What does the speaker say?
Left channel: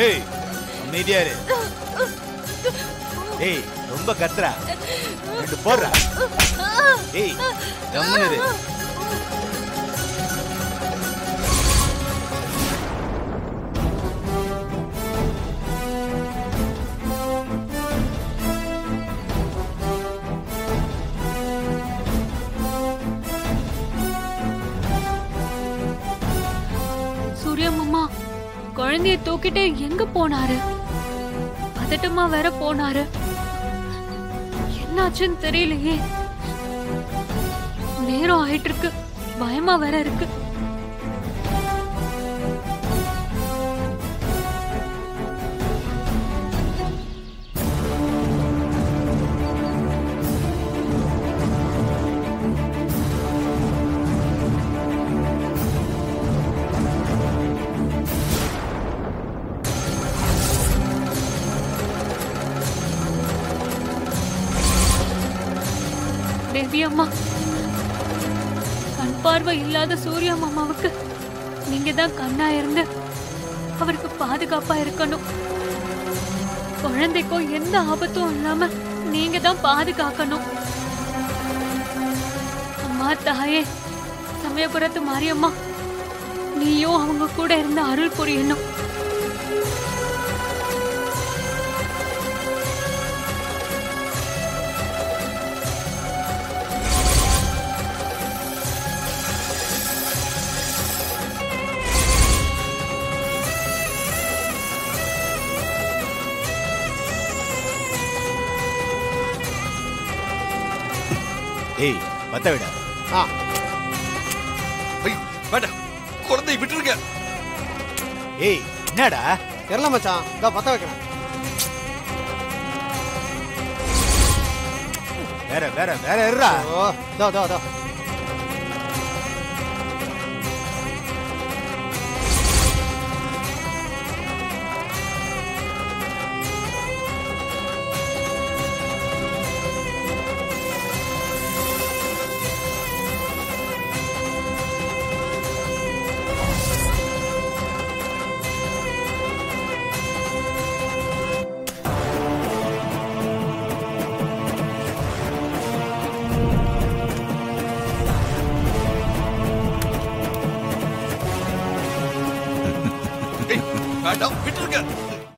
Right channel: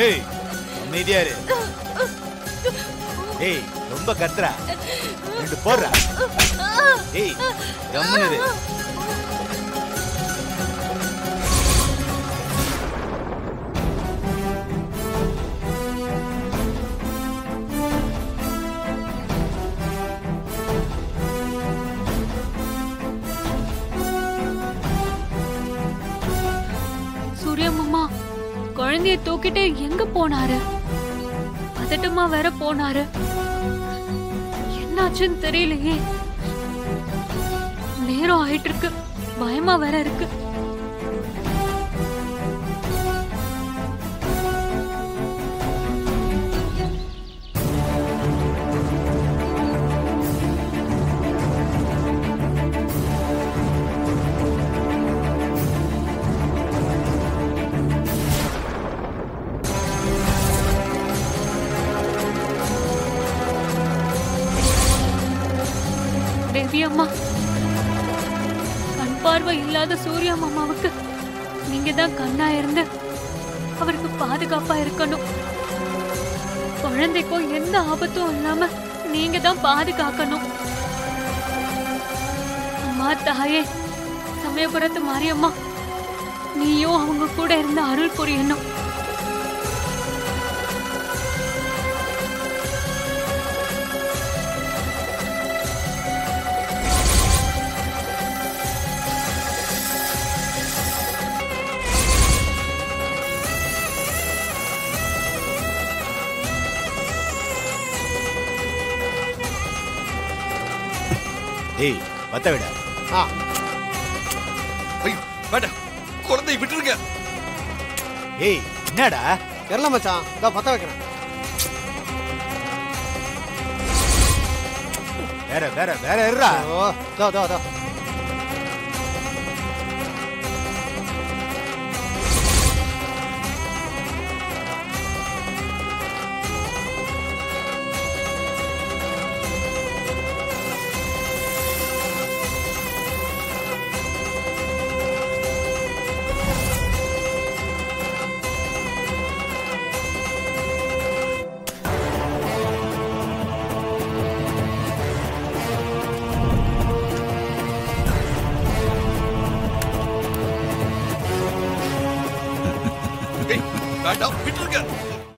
ஏய் அமைதியா இரு. ஏய் ரொம்ப கத்துறா. ரெண்டு போடுறா. ஏய் கம்முனு இரு. சூர்யா மாமா குழந்தைய தூக்கிட்டு எங்க போனாரு? பதட்டமா வேற போனாரு. என்னாச்சுன்னு தெரியலையே. நேரம் ஆயிட்டு இருக்கு. பயமா வேற இருக்கு. தேவி அம்மா, கண் பார்வை இல்லாத சூர்யா மாமாவுக்கு நீங்க தான் கண்ணா இருந்து அவருக்கு பாதுகாப்பா இருக்கணும். குழந்தைக்கும் எந்த ஆபத்தும் இல்லாம நீங்க தான் பாதுகாக்கணும். அம்மா தாயே, சமயபுரத்து மாரியம்மா, நீயும் அவங்க கூட இருந்து அருள் புரியணும். ஏய் பத்த விட. ஐயோ வேண்டாம், குழந்தையை விட்டுருங்க. ஏய் என்னடா? தெரியல மச்சான், நான் பத்த வைக்கிறேன். வேற வேற வேற இருடா. ஓ தோ தோ தோ. வேண்டாம், விட்டுருங்க.